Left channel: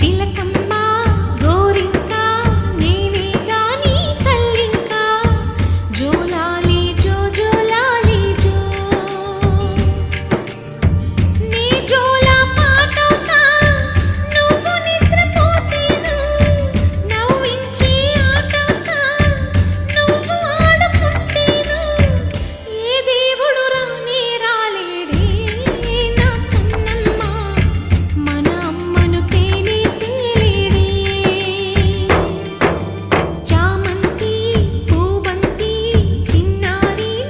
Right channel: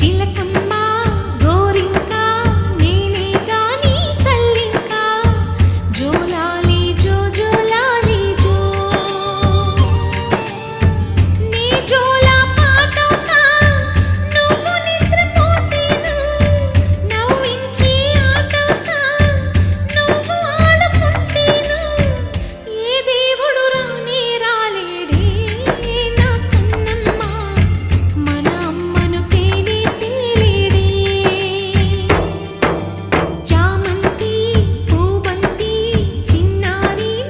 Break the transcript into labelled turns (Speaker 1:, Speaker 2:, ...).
Speaker 1: ചിലക്കം